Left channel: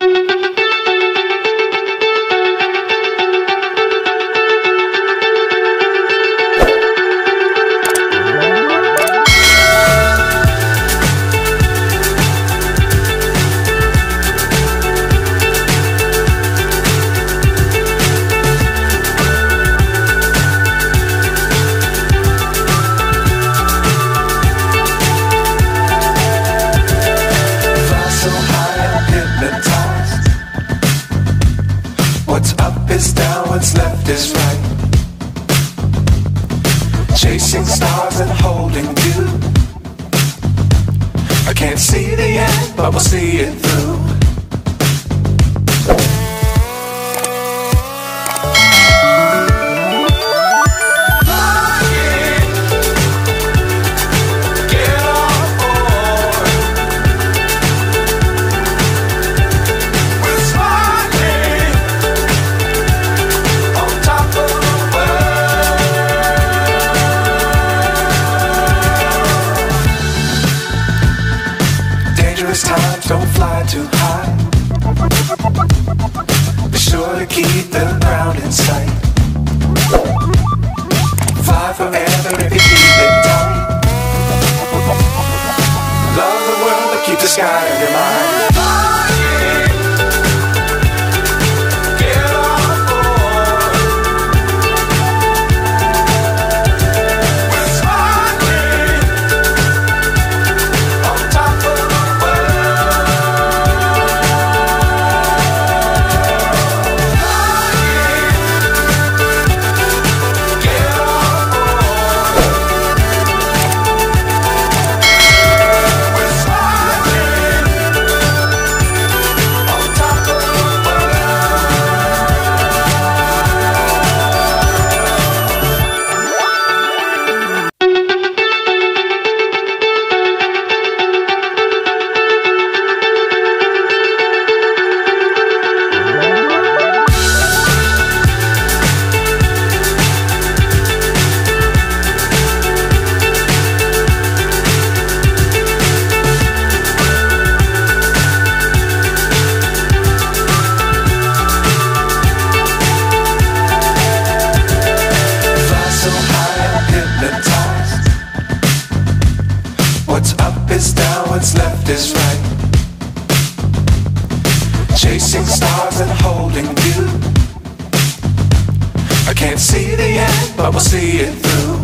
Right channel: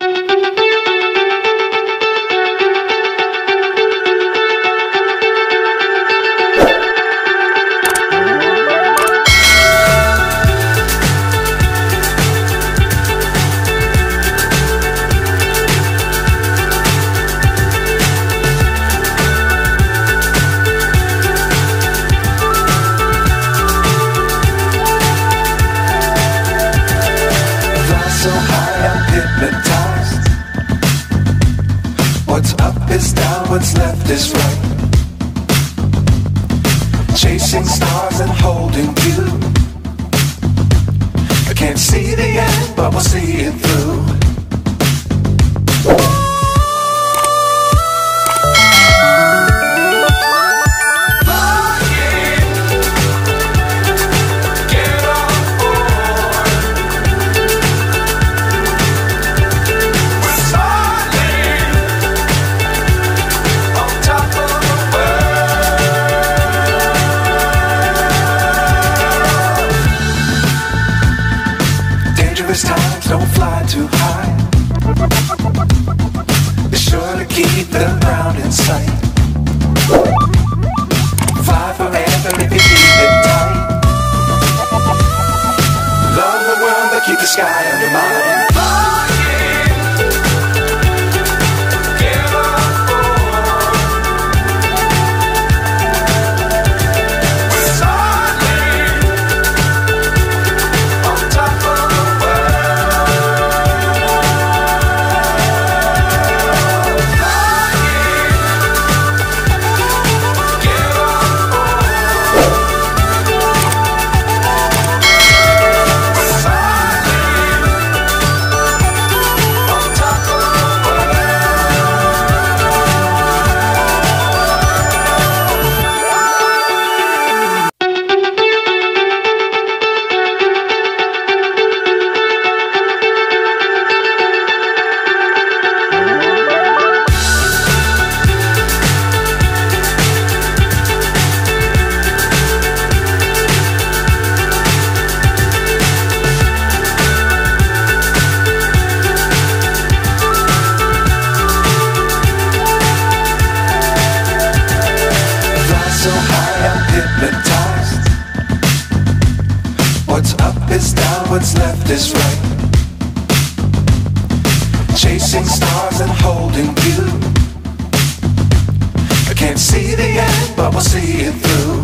So high I'm hypnotized. What's up is down, what's left is right. Chasing stars and holding you. I can't see the end, but we'll see it through. Times don't fly too high. Be sure to keep the ground in sight. Fly forever if you keep it tight. Love the world but keep the sky on your mind. So high I'm hypnotized. What's up is down, what's left is right. Chasing stars and holding you. I can't see the end, but we'll see it through.